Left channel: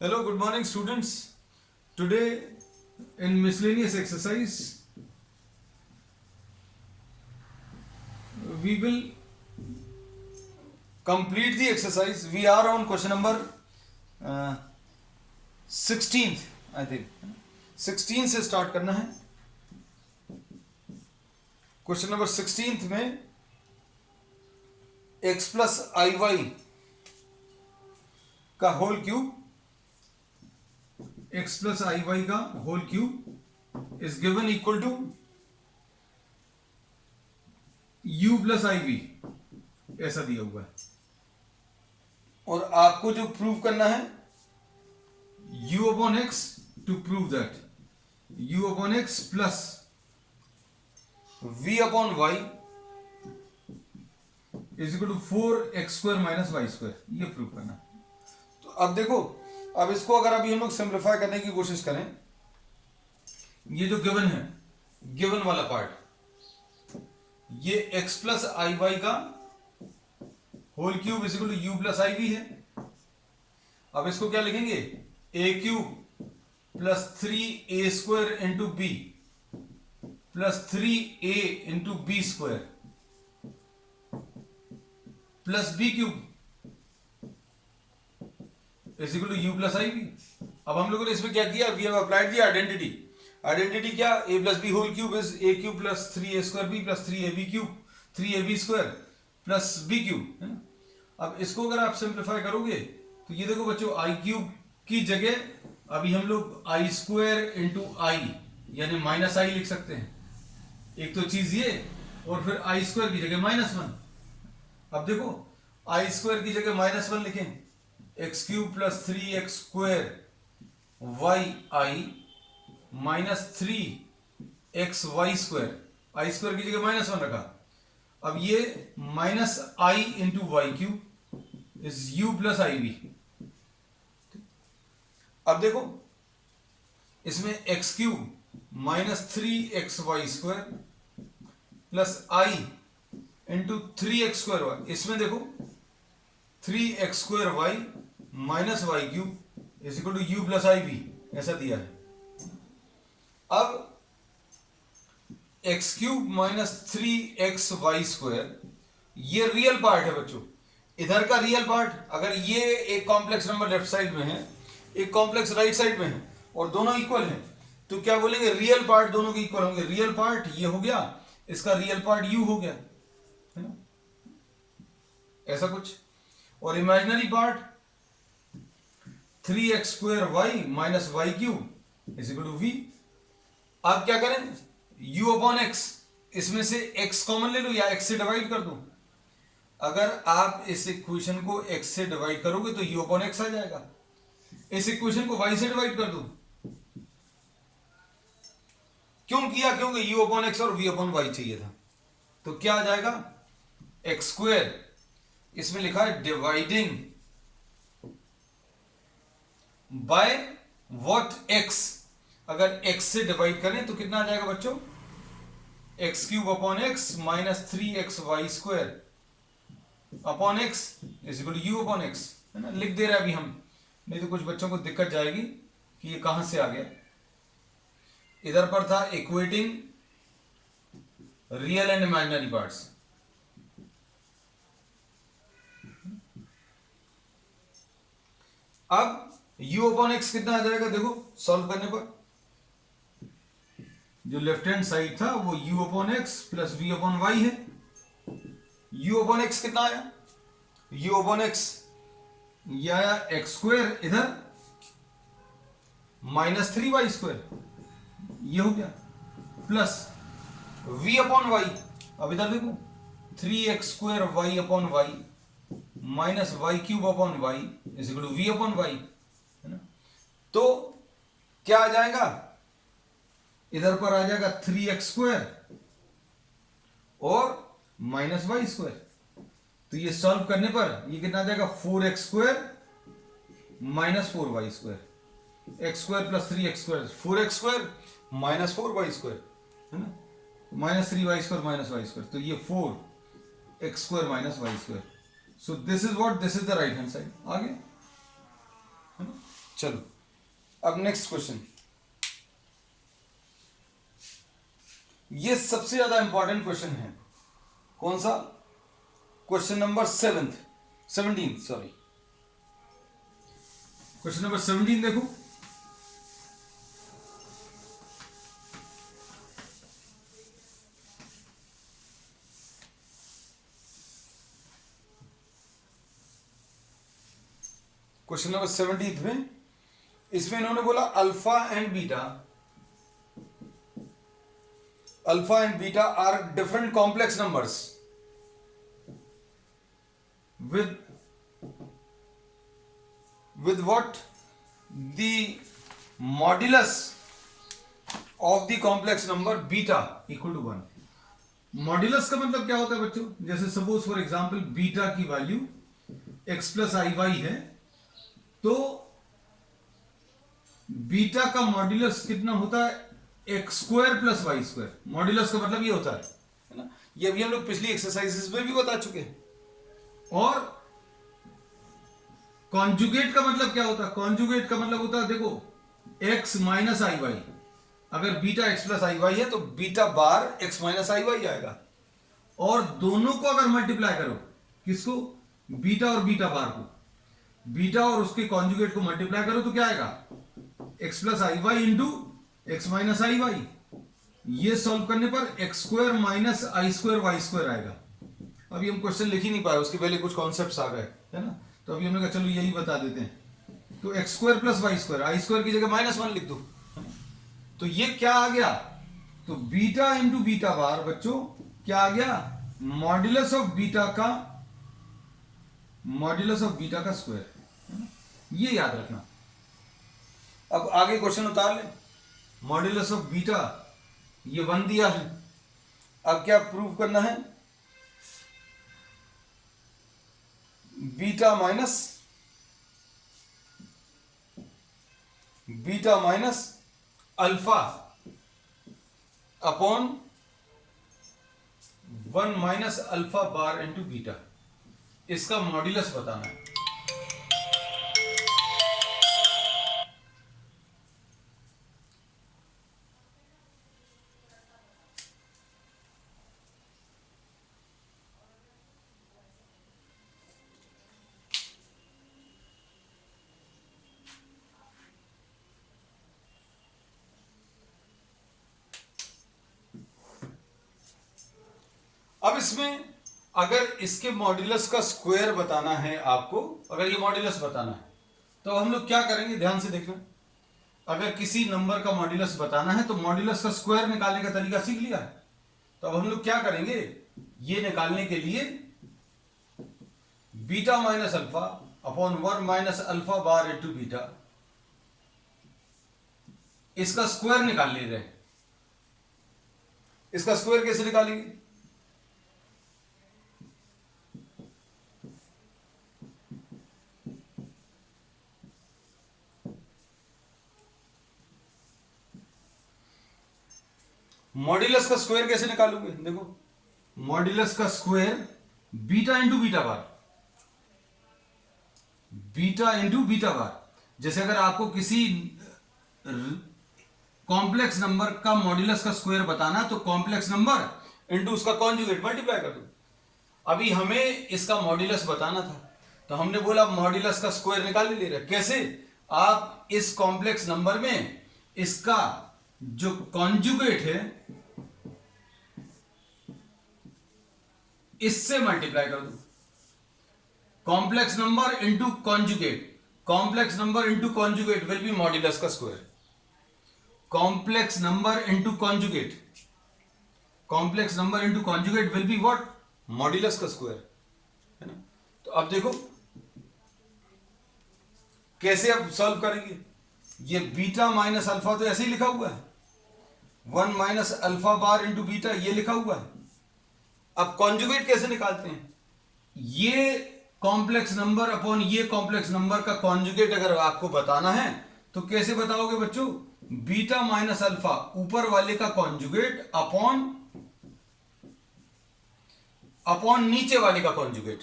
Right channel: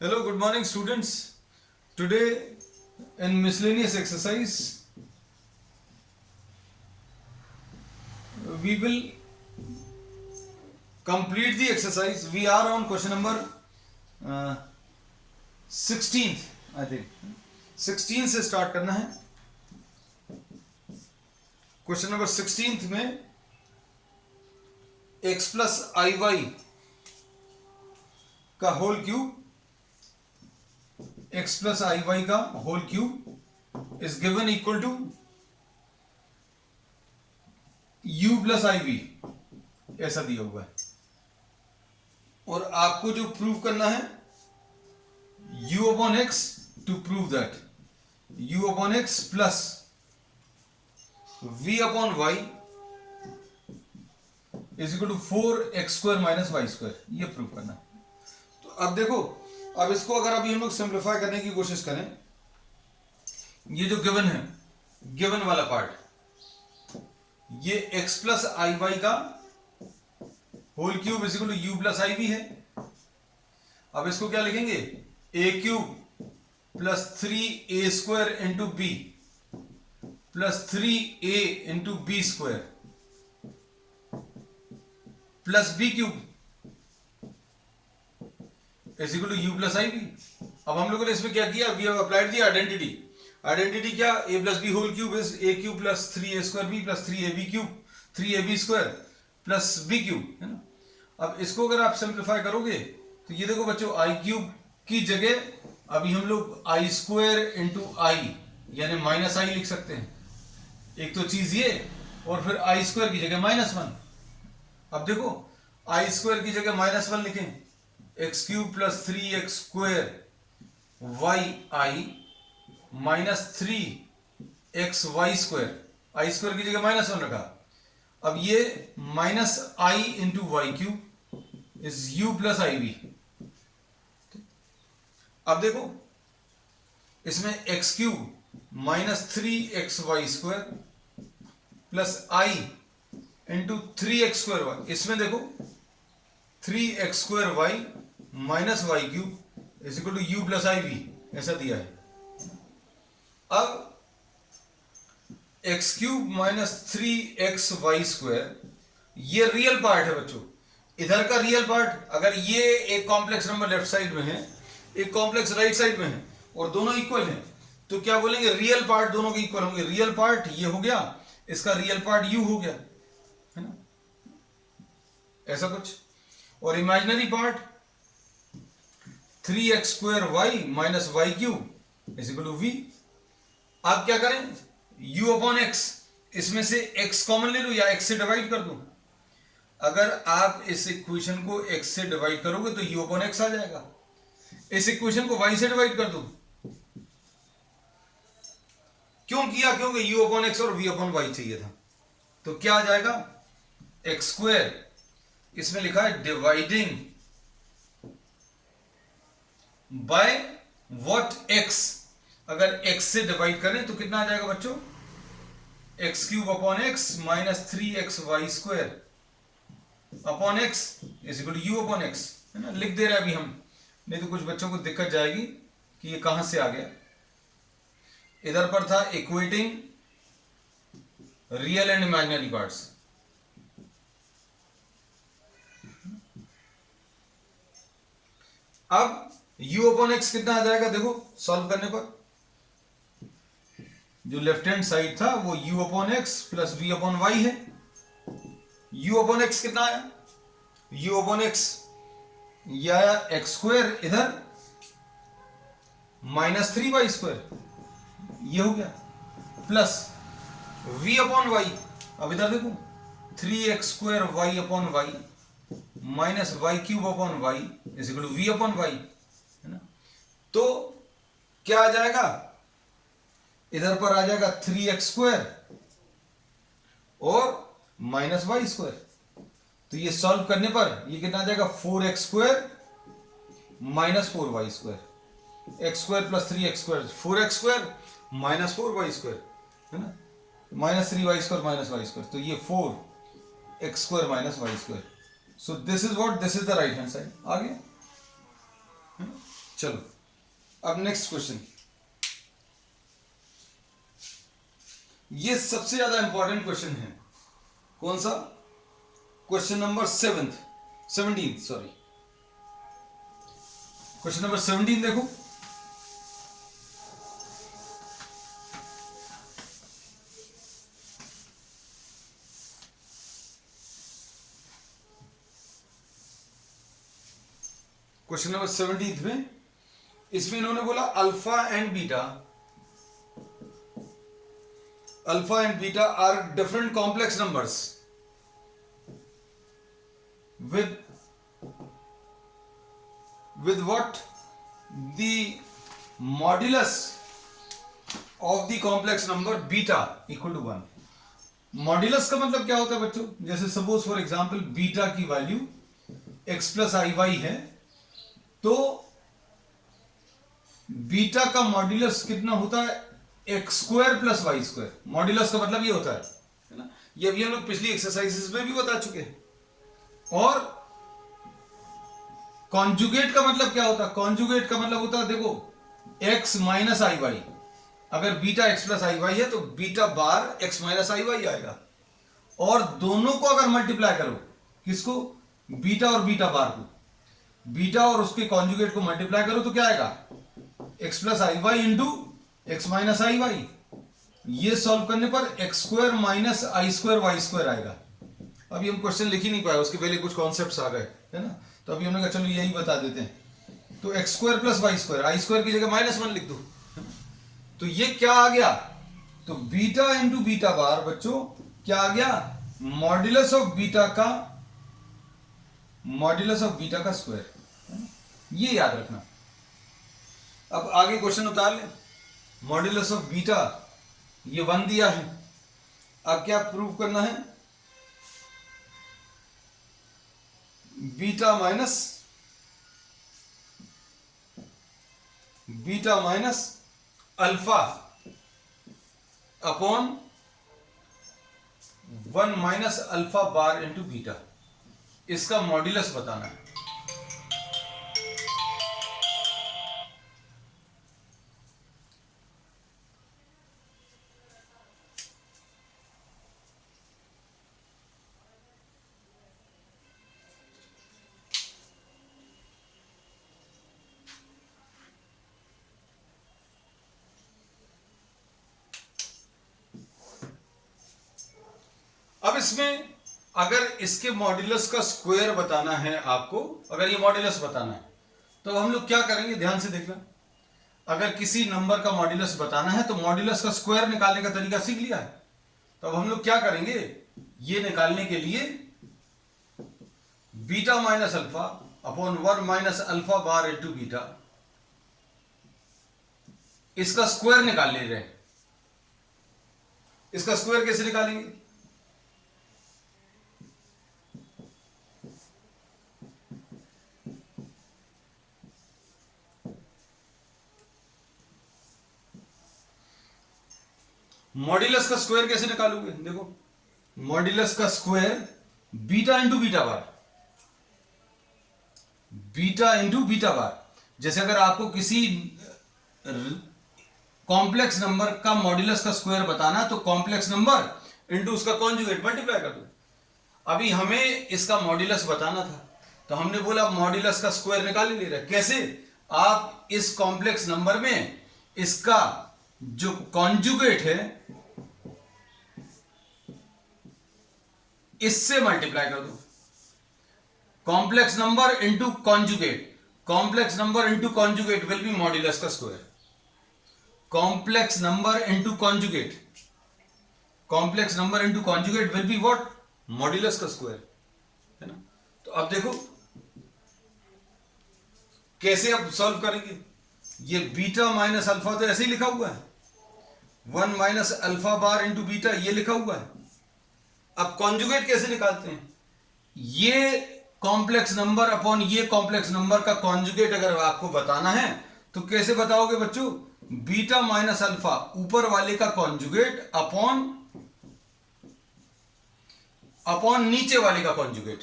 Hello, good morning, students. Today, in miscellaneous exercise, we will complete the exercise. We are on question number 16th, I think. 16 से start करना है. Question number 16th में x plus iy का whole cube x plus iy का whole cube is given equal to u plus iv ऐसा दिया हुआ है और आपको जो प्रूव करना है u upon x to prove that u upon x plus v upon y is equal to 4x square minus y square, ये प्रूव करना है. तो अब देखो, अब इसको अगर अभी हम लोग सिंप्लीफाई करने की कोशिश करें, ये जो गिवन है, गिवन वाला पार्ट, ये x प्लस आई वाई का whole cube is equal to you plus i b है. अब इसको क्या लिखेंगे, a cube plus 3a square into b plus 3a into b square plus b cube is equal to you plus i b. अब हम लोगों ने इसमें क्या किया, we have applied the identity. Identity क्या, a plus B whole cube is a cube plus 3a square B plus 3ab cube 3ab square plus b cube, है ना. अब इसको अगर आप सिंप्लीफाई करोगे तो ये देखो बच्चों, i क्यूब की जगह अभी हम लोग आई स्क्वायर इंटू आई यानी माइनस आई लिख सकते हैं. एक तो चीज ये, और फिर आई स्क्वायर की जगह -1. अब देखो, आई स्क्वायर की जगह -1 लिखें, X cube plus 3x square Y I minus 3xy square, I square की जगह -1 रखा. अब ये minus I into Y cube is U plus I V. अब देखो, इसमें X cube minus 3xy square plus I into 3x square Y, इसमें देखो 3x square Y minus Y cube is equal to you plus I V, ऐसा दिया है. अब X cube minus 3xy square, ये रियल पार्ट है बच्चों. इधर का रियल पार्ट, अगर ये एक कॉम्प्लेक्स नंबर लेफ्ट साइड में है, एक कॉम्प्लेक्स राइट साइड में है और दोनों इक्वल हैं, तो क्या बोलेंगे, रियल पार्ट दोनों के इक्वल होंगे. रियल पार्ट ये हो गया, इसका रियल पार्ट यू हो गया, है ना, ऐसा कुछ. और imaginary part 3x square Y minus Y cube is equal to v. आप क्या करें, u अपॉन x, इसमें से x कॉमन ले लो या x से डिवाइड कर दो. अगर आप इस इक्वेशन को x से डिवाइड करोगे तो u अपॉन x आ जाएगा. इस इक्वेशन को y से डिवाइड कर दो. क्यों किया, क्योंकि u अपॉन x और v अपॉन y चाहिए था. तो क्या आ जाएगा, एक्स स्क्वायर, इसमें लिखा है डिवाइडिंग बाय व्हाट x. अगर x से डिवाइड करें तो कितना आ जाएगा बच्चों, x cube upon x minus 3xy square upon x is equal to u upon x, है ना. लिख दे रहे अभी हम, नहीं तो कुछ बच्चों को दिक्कत जाएगी कि ये कहां से आ गया. इधर पर था equating real and imaginary parts. अब u अपॉन एक्स कितना आ जाएगा, देखो सॉल्व करने पर, जो लेफ्ट हैंड साइड था वो u upon x plus v upon y है. u अपॉन एक्स कितना है, u अपॉन एक्स या एक्स स्क्वायर इधर माइनस 3y स्क्वायर, ये हो गया, प्लस v अपॉन वाई. अब इधर देखो 3x square y upon y minus Y cube upon y is equal to v upon y, है ना. तो क्या आ जाएगा, इधर पर आ जाएगा 3x स्क्वायर और माइनस वाई स्क्वायर. तो ये सॉल्व करने पर ये कितना आ जाएगा, 4x square minus 4y square, X square plus 3x square 4x square minus 4y square, है ना, minus 3y square minus Y square. तो ये 4x square minus Y square. So this is what, this is the right hand side. आ गया, है ना. चलो अब नेक्स्ट क्वेश्चन, ये सबसे ज्यादा इंपॉर्टेंट क्वेश्चन है। कौन सा? Question number 17 sorry, question number 17 देखो। क्वेश्चन नंबर 17 में इसमें इन्होंने बोला alpha and beta are different complex numbers with what the modulus of the complex number beta equal to 1। Modulus का मतलब क्या होता है बच्चों? जैसे सपोज फॉर एग्जांपल बीटा की value x plus i y है, तो बीटा का मॉड्यूलस कितना होता है? X square plus Y square. Modulus का मतलब ये होता है ना, ये भी हम लोग पिछली एक्सरसाइजेस में भी बता चुके हैं। और कॉन्जुगेट का मतलब क्या होता है? कॉन्जुगेट का मतलब होता है, देखो x माइनस आई वाई, अगर beta x plus i y है तो बीटा बार x माइनस आई वाई आएगा। और दोनों को अगर मल्टीप्लाई करो, किसको? बीटा और बीटा बार को, बीटा और उसके कॉन्जुगेट को मल्टीप्लाई करो तो क्या आएगा? x plus i Y into x minus I Y. ये सॉल्व करने पर एक्स स्क्वायर माइनस आई स्क्वायर वाई स्क्वायर आएगा। अभी हम क्वेश्चन लिख ही नहीं पाए, उसके पहले कुछ कॉन्सेप्ट्स आ गए, है ना, तो अभी हमने कहा चलो यही बता देते हैं। तो X square plus Y square, I square की जगह -1 लिख दो। तो ये क्या आ गया? तो बीटा इंटू बीटा बार बच्चों क्या आ गया? मॉड्यूलस ऑफ बीटा का स्क्वायर, है ना, ये याद रखना। अब आगे क्वेश्चन उतार लें। मॉड्यूलस ऑफ बीटा ये 1 दिया है, अब क्या प्रूव करना है? Beta minus alpha upon 1 minus alpha bar into beta, इसका मॉड्यूलस बताना है। अब इसमें अगर इसके मॉड्यूलस का स्क्वायर बताना है आपको, अगर ये मॉड्यूलस बताना है, तो हम लोग क्या करेंगे? ध्यान से देखना। अगर किसी नंबर का मॉड्यूलस बताना है तो मॉड्यूलस का स्क्वायर निकालने का तरीका सीख लिया है। तो अब हम लोग क्या करेंगे? ये निकालने के लिए beta minus alpha upon 1 minus alpha bar into beta, इसका स्क्वायर निकाल ले रहे हैं। इसका स्क्वायर कैसे निकालेंगे? मॉड्यूलस का स्क्वायर कैसे निकालोगे? देखो, मॉड्यूलस का स्क्वायर बीटा इंटू बीटा बार। जैसे अगर आपको किसी कॉम्प्लेक्स नंबर का मॉड्यूलस का स्क्वायर बताना, तो कॉम्प्लेक्स नंबर इंटू उसका कॉन्जुगेट मल्टीप्लाई कर दो। अभी हमें इसका मॉड्यूलस बताना था, तो हमने बोला मॉड्यूलस का स्क्वायर निकाल ही ले रहा है। कैसे? आप इस कॉम्प्लेक्स नंबर में इसका जो कॉन्जुगेट है इससे मल्टीप्लाई कर दो। Complex number into conjugate will be modulus का square. Complex number into conjugate will be what? Modulus का स्क्वायर, है ना। तो अब देखो कैसे अब सॉल्व करेंगे। ये बीटा माइनस अल्फा तो ऐसे ही लिखा हुआ है, 1 minus alpha bar into beta ये लिखा हुआ है। अब कॉन्जुगेट कैसे निकालते हैं? ये कॉम्प्लेक्स नंबर अपॉन ये कॉम्प्लेक्स नंबर का कॉन्जुगेट अगर आपको बताना है तो कैसे बताओगे बच्चों? बीटा माइनस अल्फा ऊपर वाले का कॉन्जुगेट अपॉन नीचे वाले का कॉन्जुगेट,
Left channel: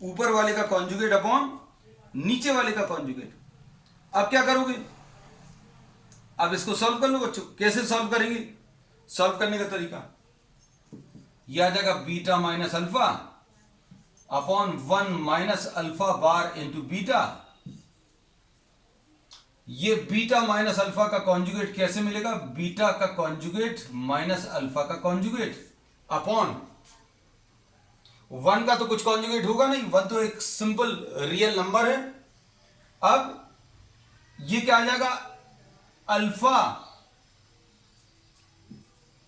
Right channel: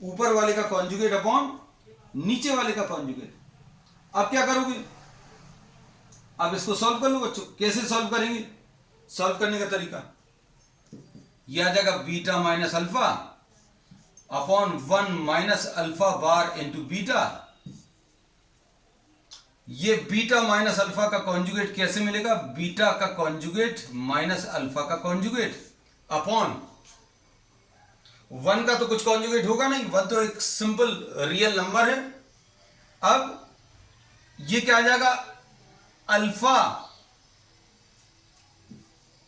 ऊपर वाले का कॉन्जुगेट अपॉन नीचे वाले का कॉन्जुगेट। अब क्या करोगे, अब इसको सॉल्व कर लो बच्चों। कैसे सॉल्व करेंगे, सॉल्व करने का तरीका ये आ जाएगा beta minus alpha upon 1 minus alpha bar into beta. ये बीटा माइनस अल्फा का कॉन्जुगेट कैसे मिलेगा, बीटा का कॉन्जुगेट माइनस अल्फा का कॉन्जुगेट अपॉन 1 का तो कुछ कॉन्जुगेट होगा नहीं, 1 तो एक सिंपल रियल नंबर है। अब ये क्या आ जाएगा, अल्फा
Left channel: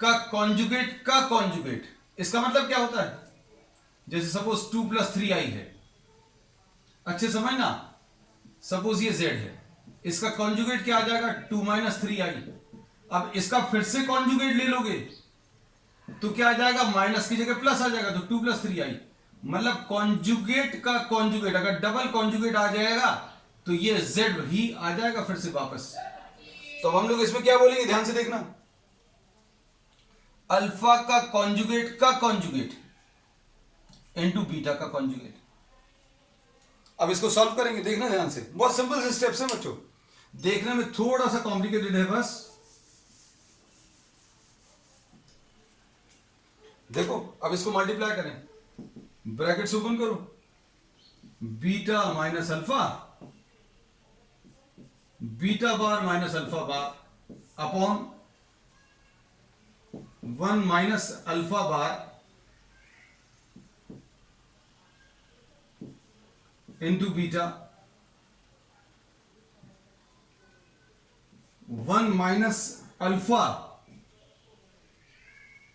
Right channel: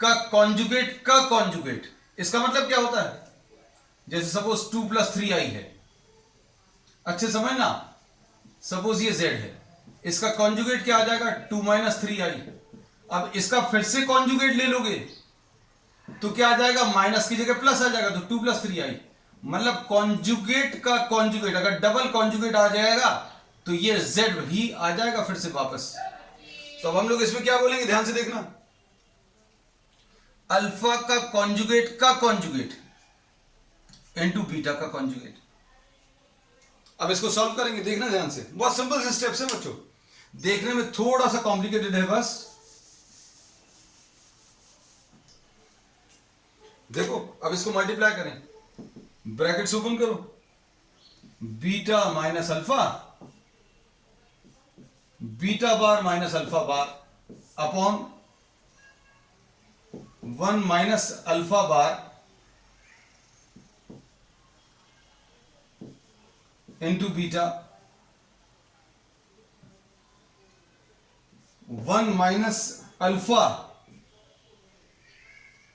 का कॉन्जुगेट का कॉन्जुगेट। इसका मतलब क्या होता है, जैसे सपोज 2 + 3i है, अच्छे समझना, सपोज ये z है, इसका कॉन्जुगेट क्या आ जाएगा 2 - 3i। अब इसका फिर से कॉन्जुगेट ले लोगे तो क्या आ जाएगा, माइनस की जगह प्लस आ जाएगा, तो 2 + 3i। मतलब कॉन्जुगेट का कॉन्जुगेट अगर डबल कॉन्जुगेट आ जाएगा तो ये z ही आ जाएगा फिर से वापस। तो अब हम लोग इसमें क्या बोलेंगे, ध्यान से देखना, अल्फा का कॉन्जुगेट इनटू बीटा का कॉन्जुगेट। अब इसको सॉल्व करेंगे, देखना ध्यान से, बहुत सिंपल से स्टेप्स है बच्चों, देखने में थोड़ा सा कॉम्प्लिकेटेड है बस। देखो अब इसको मल्टीप्लाई करें, ब्रैकेट्स ओपन करो, beta minus alpha, beta bar minus alpha bar upon 1 minus alpha bar into beta, 1 minus alpha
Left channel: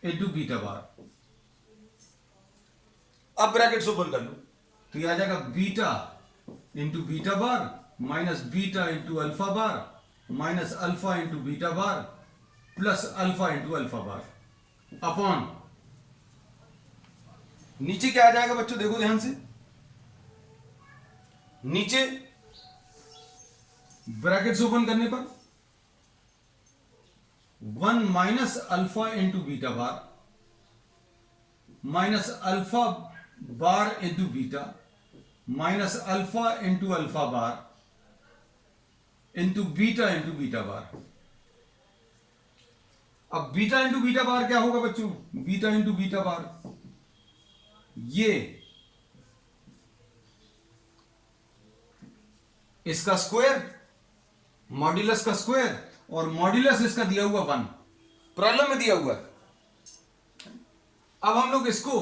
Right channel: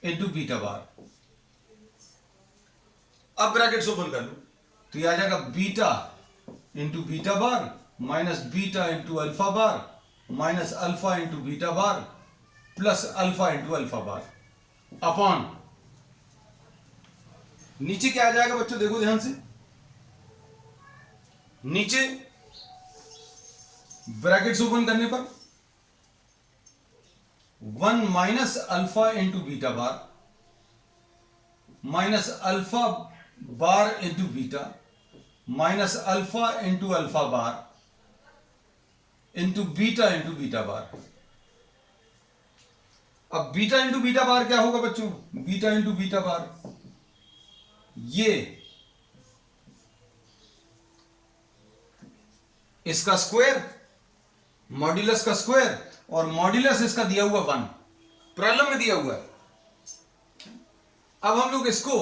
into beta bar. अब ब्रैकेट्स ओपन कर लो तो यह आ जाएगा beta into beta bar minus beta into alpha bar minus alpha into beta bar plus alpha into alpha bar upon, नीचे क्या आ जाएगा बच्चों, देखो ध्यान से, नीचे ब्रैकेट्स ओपन करने पर 1 minus alpha into beta bar minus alpha bar into beta minus alpha into alpha bar into beta bar. अब बीटा इंटू बीटा बार क्या होगा बच्चों, बीटा इंटू बीटा बार, ये इसका स्क्वायर मॉड्यूलस का स्क्वायर और मॉड्यूलस इसका दिया हुआ 1 प्रॉब्लम में दिया हुआ है। अब हम लोग इसको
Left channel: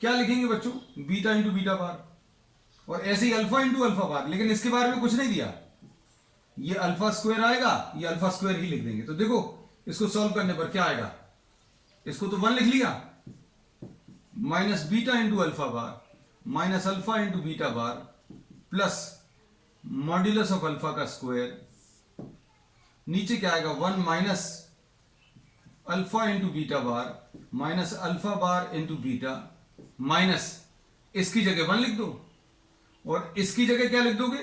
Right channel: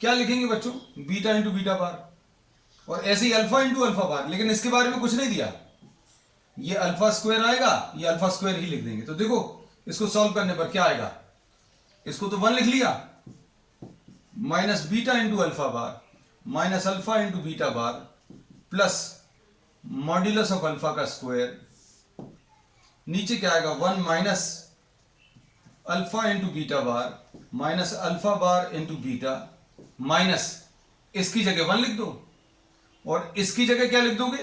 क्या लिखेंगे बच्चों, बीटा इंटू बीटा बार और ऐसे ही अल्फा इंटू अल्फा बार, लेकिन इसके बारे में कुछ नहीं दिया, ये अल्फा स्क्वायर आएगा, ये अल्फा स्क्वायर ही लिख देंगे। तो देखो इसको सॉल्व करने पर क्या आएगा, इसको तो 1 लिख लिया, minus beta into alpha bar minus alpha into beta bar plus modulus of alpha का स्क्वायर, नीचे क्या आएगा 1 minus alpha into beta bar minus alpha bar into beta minus इसकी जगह 1 लिख दो और इसकी जगह क्या लिख दोगे,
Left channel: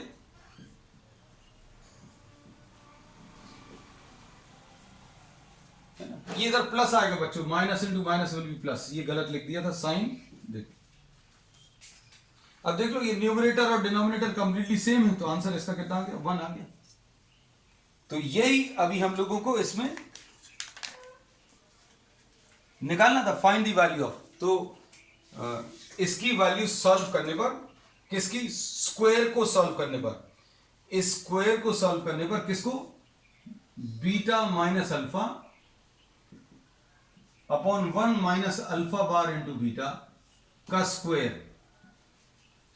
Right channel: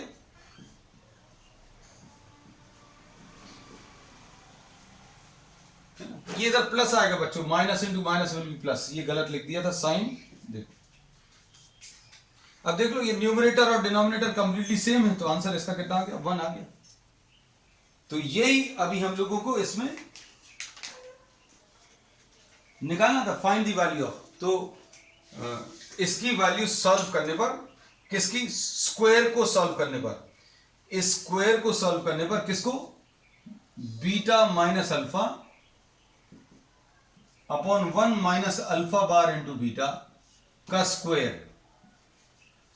ये इधर प्लस आएगा बच्चों, minus into minus will be plus, ये गलत लिख दिया था साइन। देखो अब देख लो, ये न्यूमरेटर और डिनोमिनेटर कंप्लीटली सेम है, तो आंसर इसका कितना आ गया, 1 आ गया। तो यही अभी हम लोगों को इसमें निकालना था, फाइंड द वैल्यू ऑफ। तो इसकी वैल्यू सॉल्व करने पर, किसकी, स्क्वायर को सॉल्व करने पर, इस स्क्वायर को सॉल्व करने पर किसको, beta minus alpha upon 1 minus alpha bar into beta का स्क्वायर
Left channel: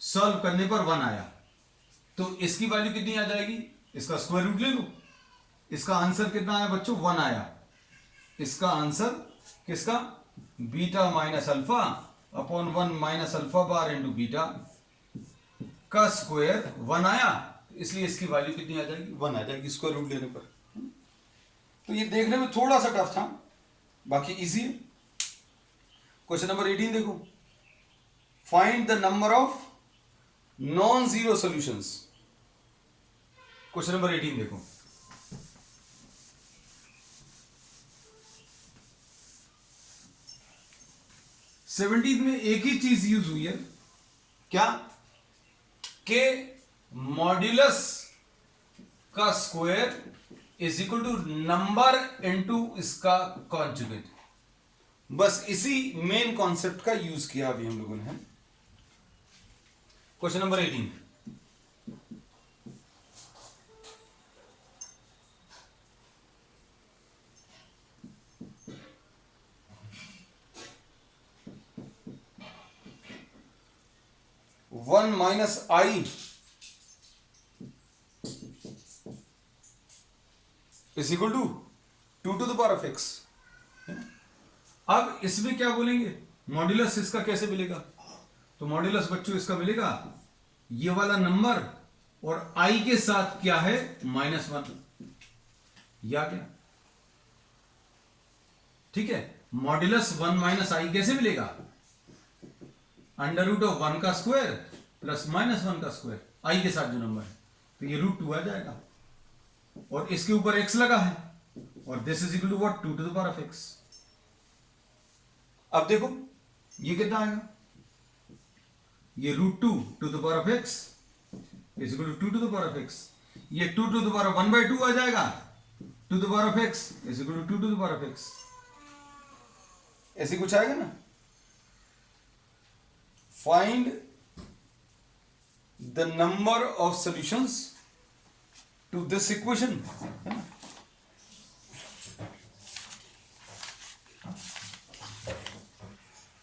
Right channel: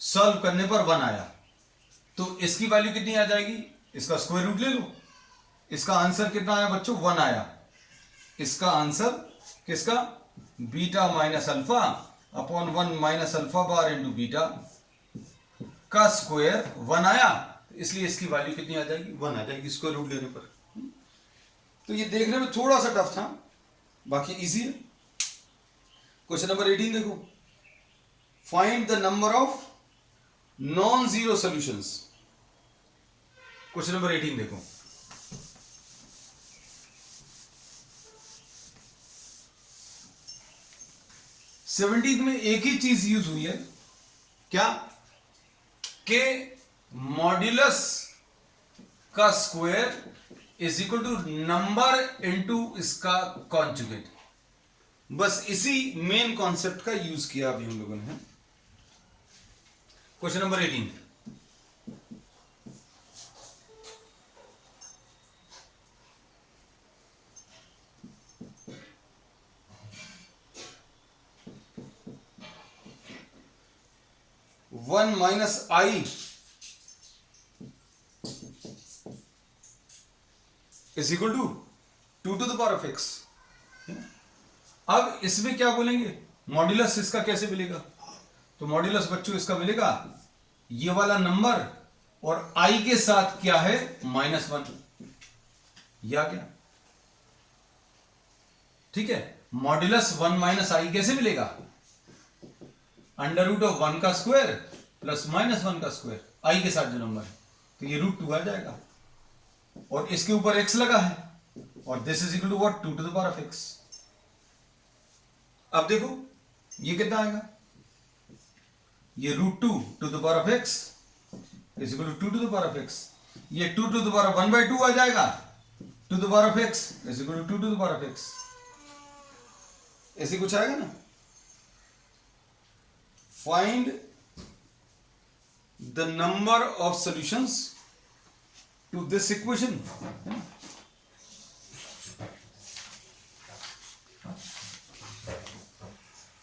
सॉल्व करने पर 1 आया। तो इसकी वैल्यू कितनी आ जाएगी, इसका स्क्वायर रूट ले लो, इसका आंसर कितना आया बच्चों, 1 आया। इसका आंसर किसका, beta minus alpha upon 1 minus alpha bar into beta का स्क्वायर 1 आया, इसलिए इसकी वैल्यू कितनी आ जाएगी, 1 आ जाएगी स्क्वायर रूट लेने पर। तो ये देखने में थोड़ा सा टफ था, बाकी इजी है। क्वेश्चन नंबर 18 देखो, find the number of non zero solutions. Question number 18 देखो, सेवनटीन में एक ही चीज यूज हुई है, क्या, के मॉड्यूलस का square is equal to number into इसका कॉन्जुगेट। बस इसी मेन कॉन्सेप्ट का यूज किया अभी हम लोगों ने। Question number 18, one minus i is equal to 2 to the power of x. अब इसमें क्या बोलेंगे, मॉड्यूलस इसका कैसे मिलेगा? तो मॉड्यूलस बच्चों इसका मिलेगा ये वाला नंबर और आई के साथ क्या है, -1, या क्या? ठीक है, मॉड्यूलस 1 माइनस आई कैसे मिलेगा? √1 का स्क्वायर प्लस -1 का स्क्वायर, आई के साथ जो नंबर है, तो ये √2 आ जाएगा और इसके ऊपर x लगा है और this is equal to what, 2 to the power of x। अब देखो ये कितना आएगा, ये √2 to the power of x is equal to 2 to the power of x। ये 2 टू द पावर ऑफ 1/2 आ जाएगा, 2 to the power of x is equal to 2 to the power of x। ऐसे कुछ आएगा ना। Find the number of solutions to this equation.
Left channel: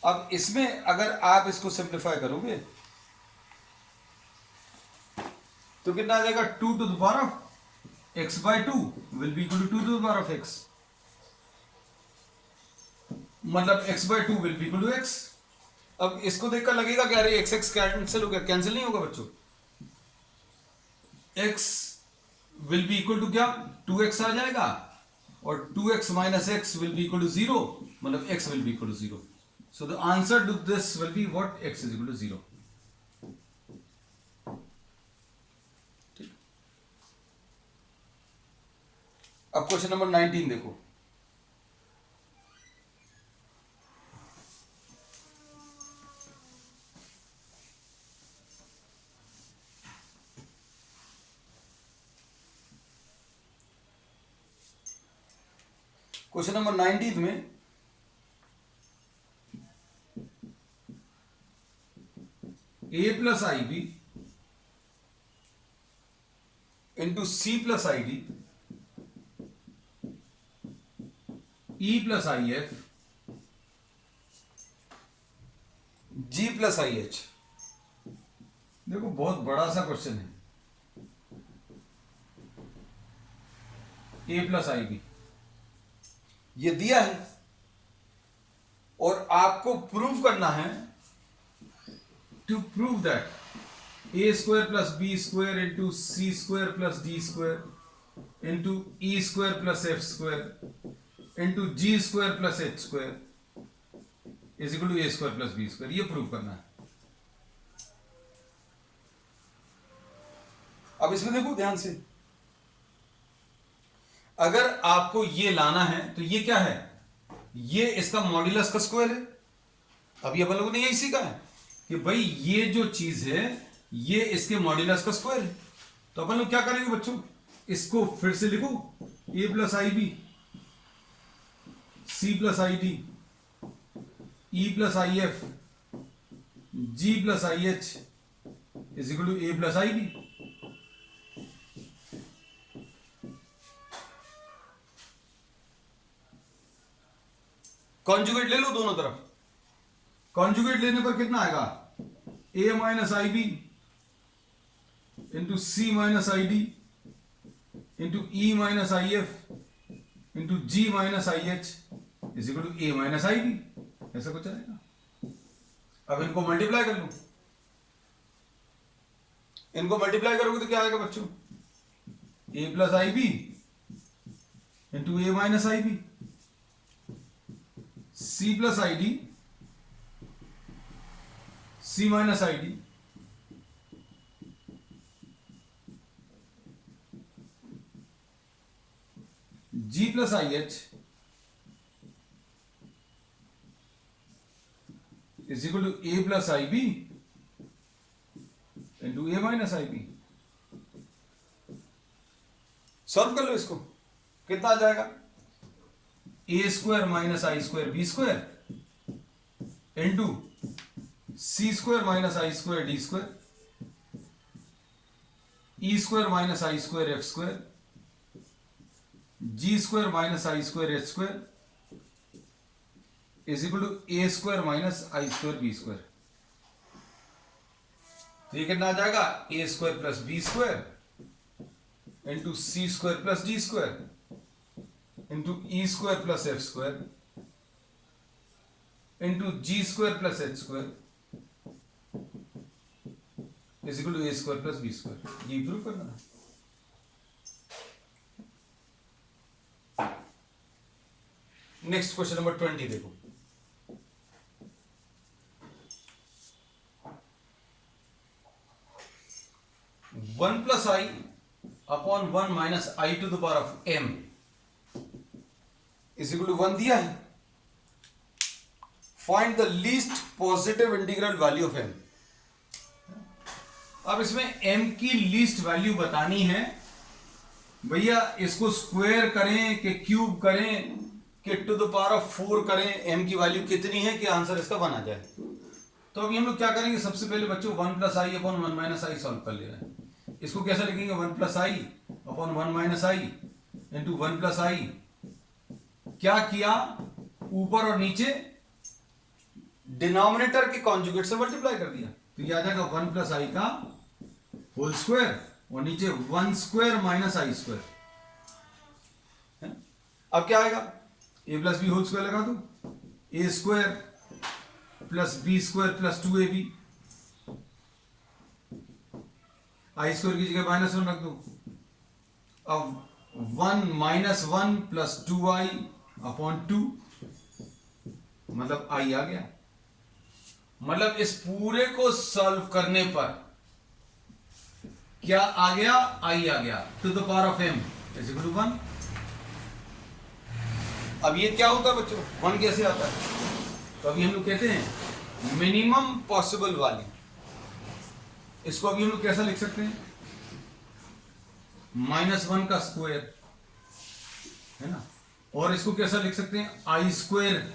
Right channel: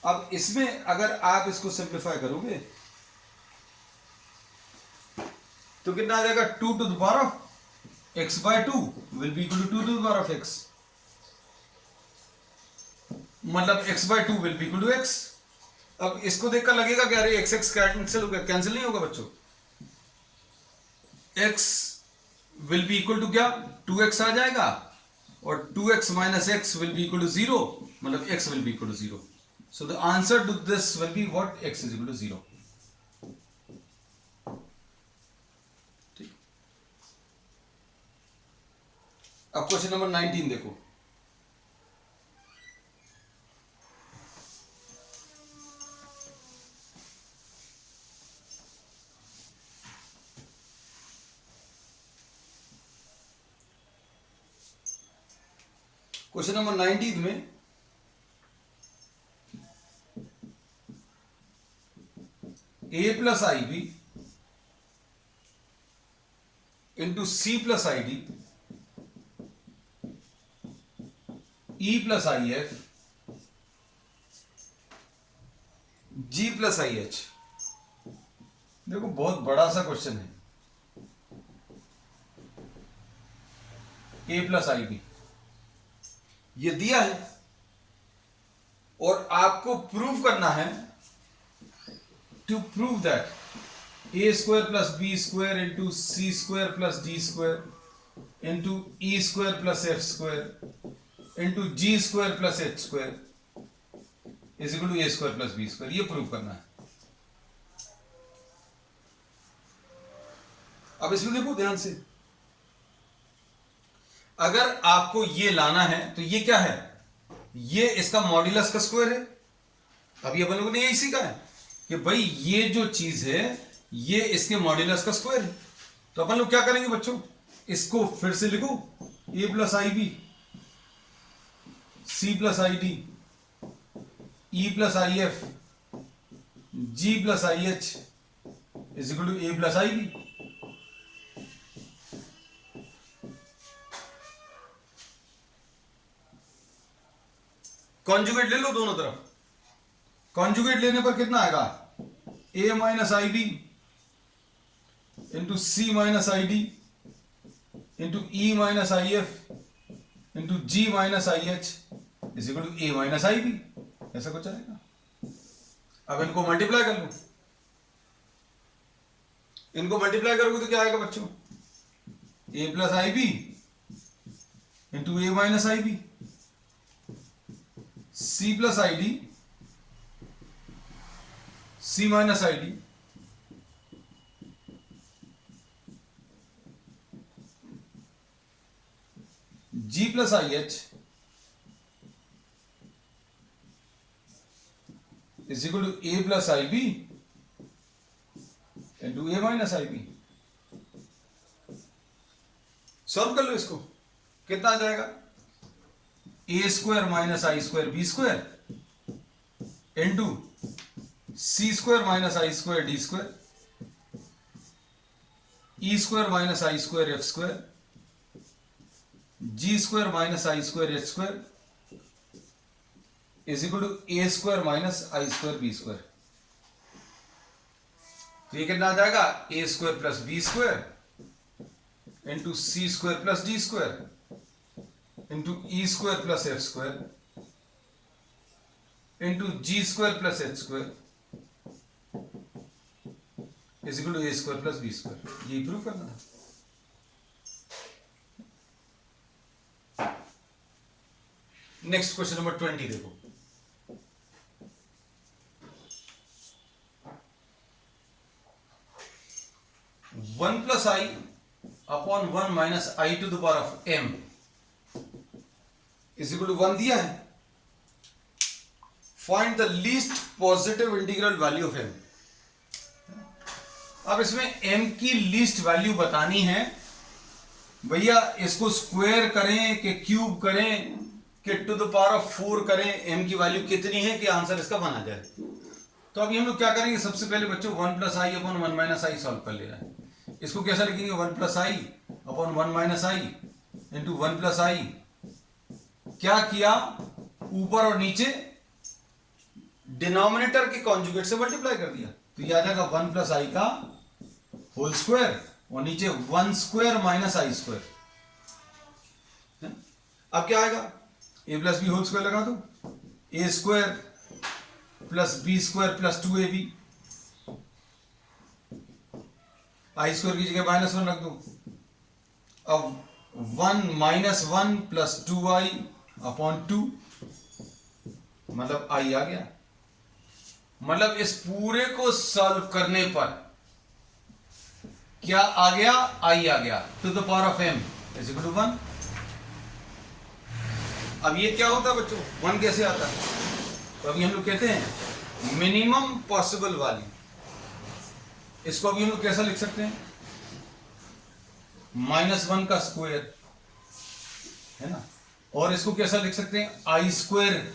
अब इसमें अगर आप इसको सिंप्लीफाई करोगे तो कितना आ जाएगा, 2 to the power of x/2 will be equal to 2 to the power of x, मतलब x/2 will be equal to x। अब इसको देखकर लगेगा कि अरे x कैंसिल होगा, कैंसिल नहीं होगा बच्चों। x will be equal to क्या, 2x आ जाएगा और 2x minus x will be equal to 0, मतलब x will be equal to 0। So the answer to this will be what, x is equal to 0। ठीक। अब क्वेश्चन नंबर 19 देखो। Question number 19 में a plus i b into c plus i d e plus i f g plus i h. देखो बहुत बड़ा सा question है। a plus i B ये दिया है और आपको प्रूव करना है, to prove that a square plus b square into c square plus d square into e square plus f square into g square plus h square is equal to a square plus b square, ये prove करना है। अब इसमें देखो ध्यान से, अगर आपको ये लाना है तो ये क्या है, ये इसका मॉड्यूलस का स्क्वायर है। अभी अपन लोगों ने यही सीखा है कि भाई ये जो चीज है ये इसके मॉड्यूलस का स्क्वायर है। तो अपन लोग क्या करेंगे बच्चों, इसको फिर से लिखो, a plus i b c plus i d e plus i f g plus i h is equal to a plus i b. Conjugate ले लो दोनों तरफ। कॉन्जुगेट लेने पर कितना आएगा, a minus i b into c minus i d into e minus i f into g minus i h is equal to a minus i b. ऐसा कुछ आएगा। अब इनको मल्टीप्लाई कर लो, इनको मल्टीप्लाई करोगे तो क्या आएगा बच्चों, a plus i b into a minus i b c plus i d c minus i d g plus i h is equal to a plus i b into a minus i b. Solve कर लो इसको, कितना आ जाएगा, ए square minus I square B square into C square minus I square d square e square minus I square f square g square minus I square H square is equal to A square minus I square B square. तो ये कितना आ जाएगा, ए square plus B square into C square plus D square into E square plus F square into G square plus H square is equal to A square plus B square. ये prove करना था। Next question number 20 देखो, one plus I upon one minus I to the power of M is equal to 1 दिया है। Find the least positive integral value of m. अब इसमें m की least value बतानी है भैया, इसको स्क्वायर करें कि क्यूब करें कि टू द पावर ऑफ 4 करें, m की वैल्यू कितनी है कि आंसर इसका बना जाए। तो अभी हम लोग क्या करेंगे, सबसे पहले बच्चों 1 plus I upon 1 minus I solve कर ले रहे हैं। इसको कैसा लिखेंगे, 1 plus I upon 1 minus I into 1 plus आई, क्या किया, ऊपर और नीचे डिनोमिनेटर के कॉन्जुगेट से मल्टीप्लाई कर दिया, तो ये आ जाएगा 1 प्लस आई का होल स्क्वायर और नीचे 1 स्क्वायर माइनस आई स्क्वायर। अब क्या आएगा, A plus B whole square लगा दो, A square plus B square plus 2ab, I square की जगह -1 रख दो। अब 1 माइनस 1 प्लस 2i अपॉन 2, मतलब आई आ गया। मतलब इस पूरे को सॉल्व करने पर क्या आ गया, आई आ गया to the power of m is equal to 1। अब ये क्या होता है बच्चों, 1 कैसे आता है, तो अभी हम लोग कहते हैं मिनिमम पॉसिबल वैल्यू। इसको अभी हम लोग कैसा लिख सकते हैं, -1 का स्क्वायर है ना, और इसको कैसा लिख सकते हैं, आई स्क्वायर,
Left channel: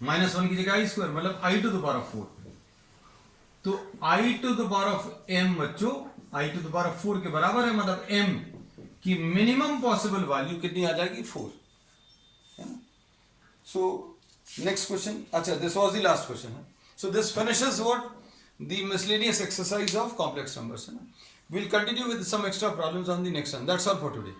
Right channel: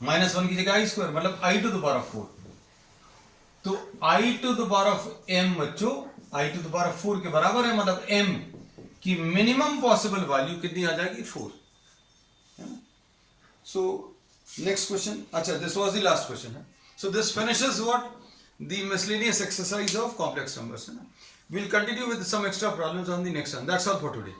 -1 की जगह आई स्क्वायर, मतलब I to the power of 4। तो I to the power of m बच्चों I to the power of 4 के बराबर है, मतलब m की मिनिमम पॉसिबल वैल्यू कितनी आ जाएगी, 4। सो नेक्स्ट क्वेश्चन, अच्छा this was the last question है। So this finishes what, the miscellaneous exercise of complex numbers है ना। We'll continue with some extra problems on the next one. That's all for today.